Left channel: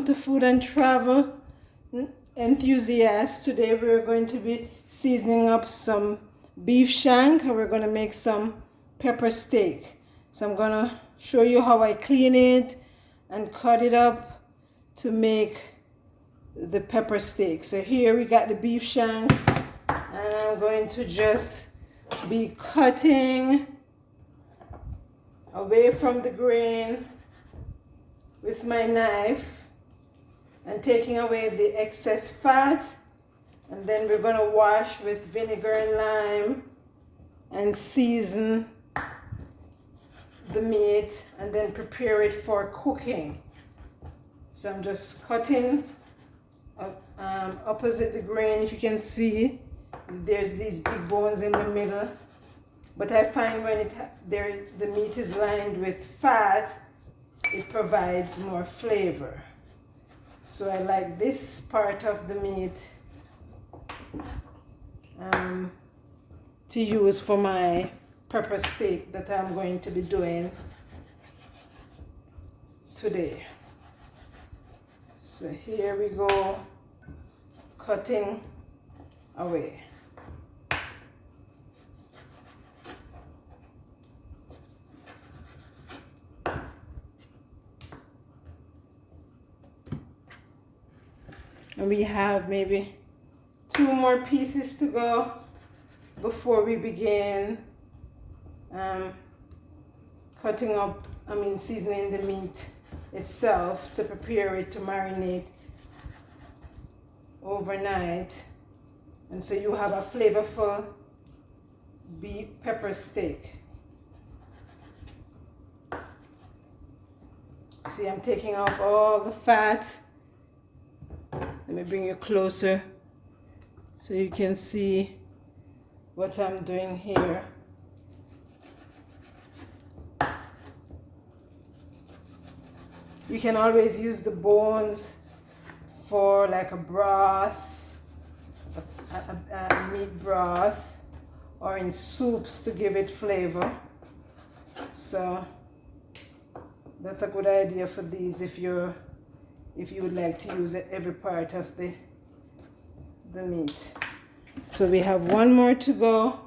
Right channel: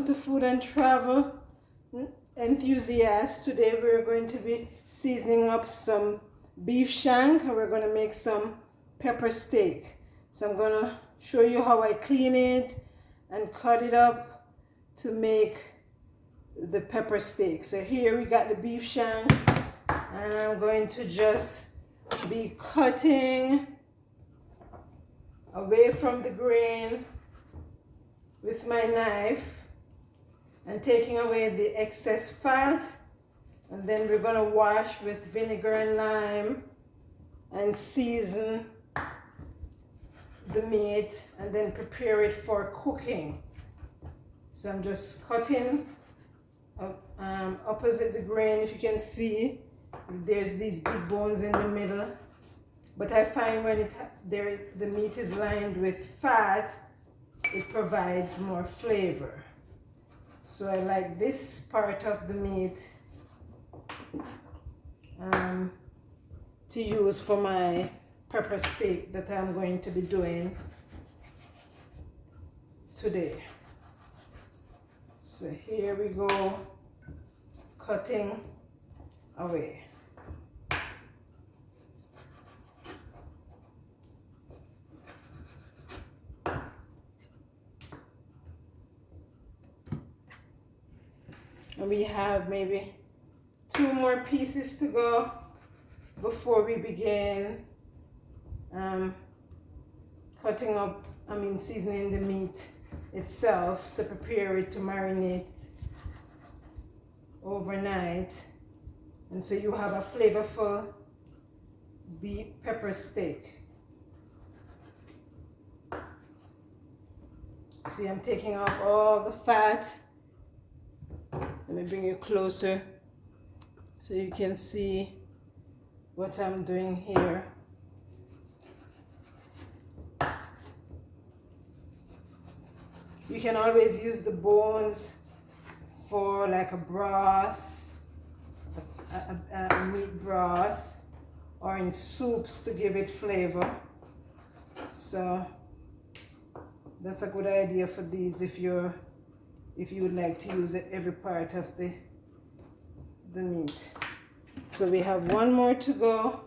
To Food and Travel Enthusiast. Today we're going to be seasoning up some beef shank and we're going to make some pepper steak. So I'm going to show you how I clean it and cut it up to make the pepper steak. So here we got the beef shanks and I'm going to just be cutting away from the grain with my knife and taking away the excess fat, and then we're going to wash with vinegar and lime and season the meat and then prepare it for cooking. So I'm just cutting opposite the grain. If you can see, there's these big bones in the middle, but I find when the meat is lined with fat, it provides more flavor. So I like this part of the meat to use for my pepper steak that I'm going to be doing today. So here we go, cutting away. And we have maybe 2 more pieces to go before we begin seasoning the meat itself to prepare it to marinate overnight. And so you have a flavorful beef pepper steak. See, I'm taking off all the fat. Let me bring you closer so you can see what I'm doing here. You can always use the bones for like a broth, a meat broth, or in soups to give it flavor. So that's a good idea for these if you would like to use every part of the meat. So we have 1 more to go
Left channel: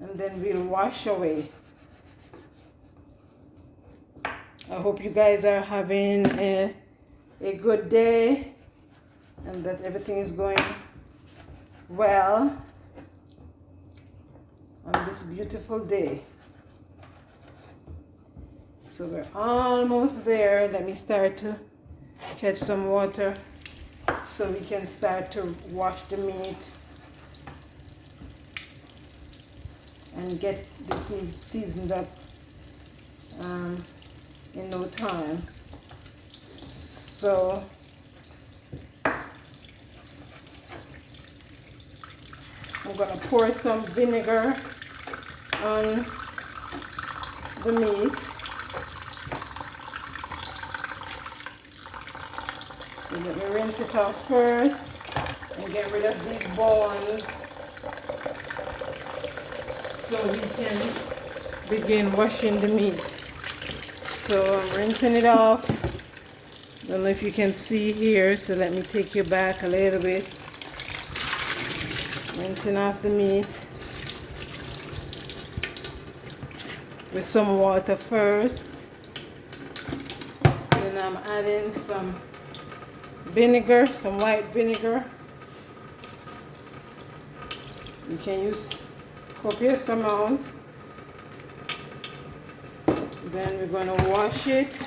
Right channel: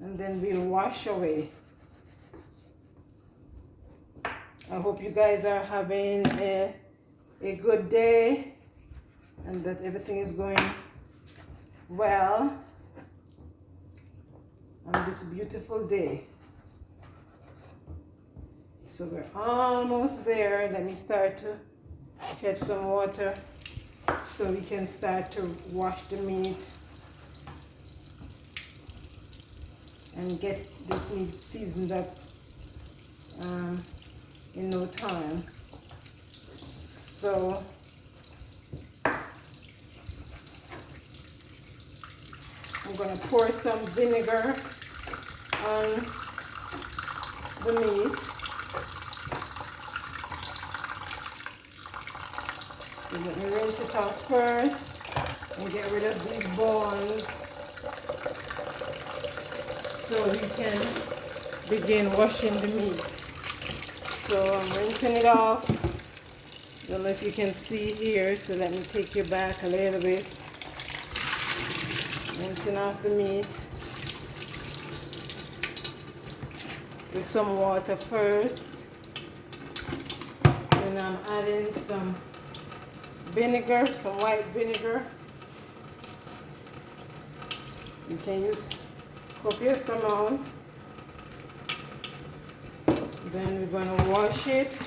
and then we'll wash away. I hope you guys are having a good day and that everything is going well on this beautiful day. So we're almost there. Let me start to catch some water so we can start to wash the meat and get this meat seasoned up in no time. So I'm going to pour some vinegar on the meat. So let me rinse it off first and get rid of these bones so we can begin washing the meat. So I'm rinsing it off. Don't know if you can see here, so let me take you back a little bit. Rinsing off the meat with some water first. Then I'm adding some vinegar, some white vinegar. You can use copious amount. Then we're going to wash it.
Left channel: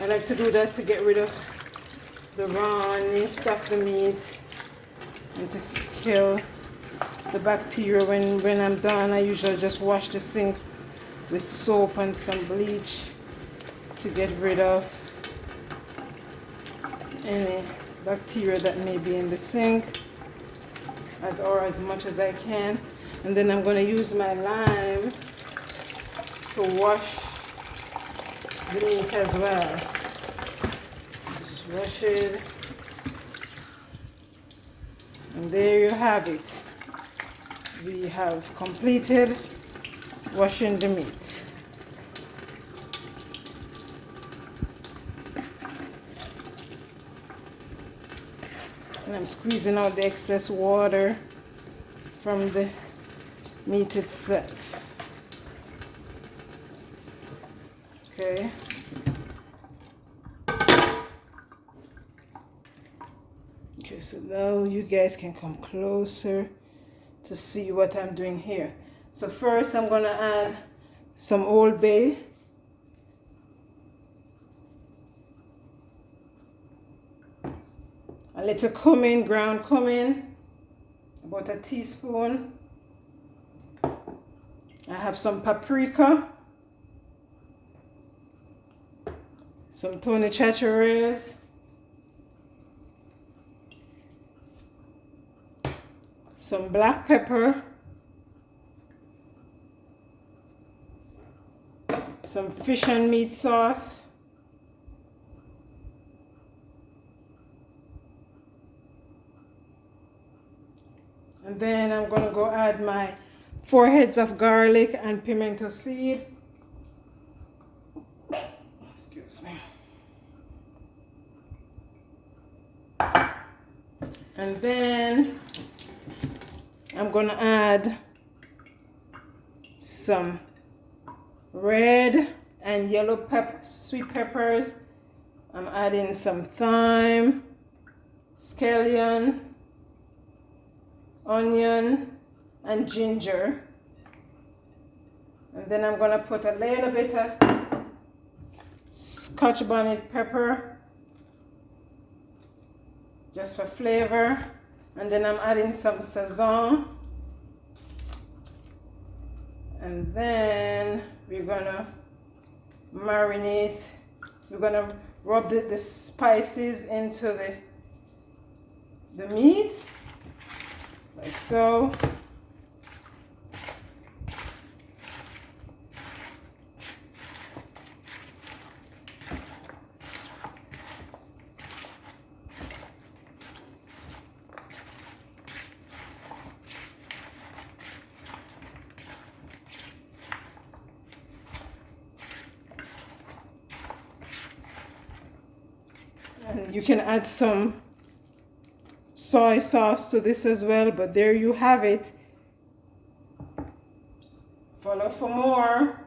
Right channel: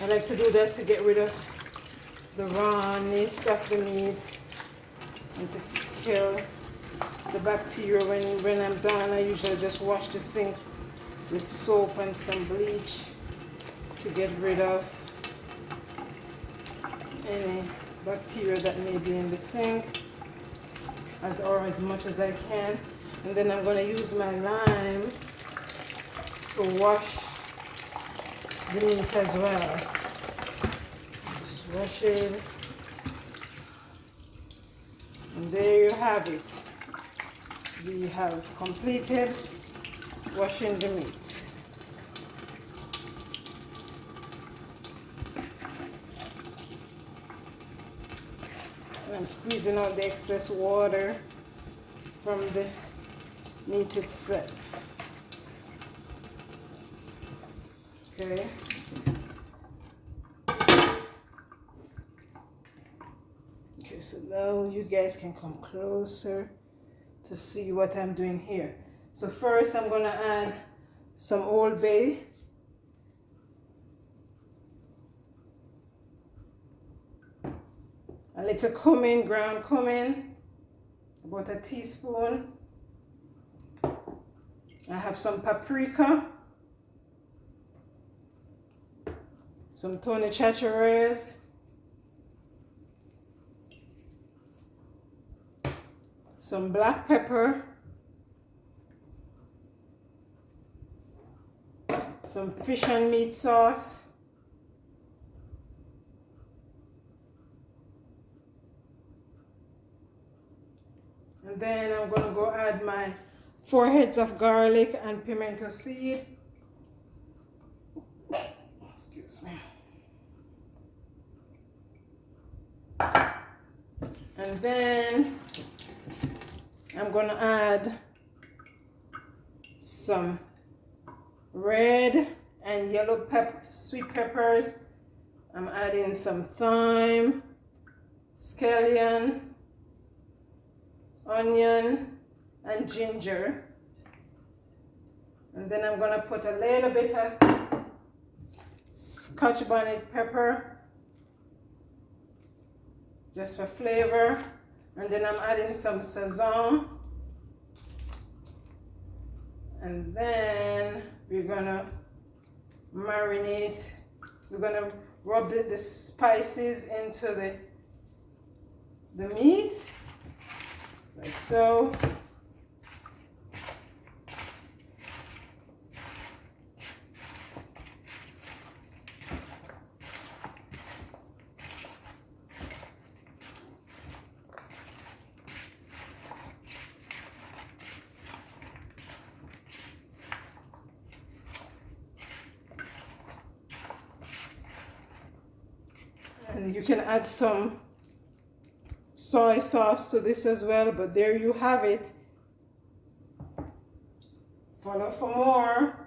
I like to do that to get rid of the rawness of the meat and to kill the bacteria. When I'm done, I usually just wash the sink with soap and some bleach to get rid of any bacteria that may be in the sink as much as I can. And then I'm going to use my lime to wash the meat as well. Just wash it. And there you have it. We have completed washing the meat. And I'm squeezing out the excess water from the meat itself. Okay. Okay, so now you guys can come closer to see what I'm doing here. So first I'm gonna add some Old Bay. A little cumin, ground cumin, about a teaspoon. I have some paprika, some Tony Chacheres, some black pepper, some fish and meat sauce, and then I'm going to go add my 4 heads of garlic and pimento seed. Excuse me. And then I'm going to add some red and yellow sweet peppers. I'm adding some thyme, scallion, onion, and ginger. And then I'm going to put a little bit of Scotch bonnet pepper just for flavor. And then I'm adding some sazon. And then we're gonna marinate. We're gonna rub the spices into the meat, like so. And you can add some soy sauce to this as well, but there you have it. Follow for more.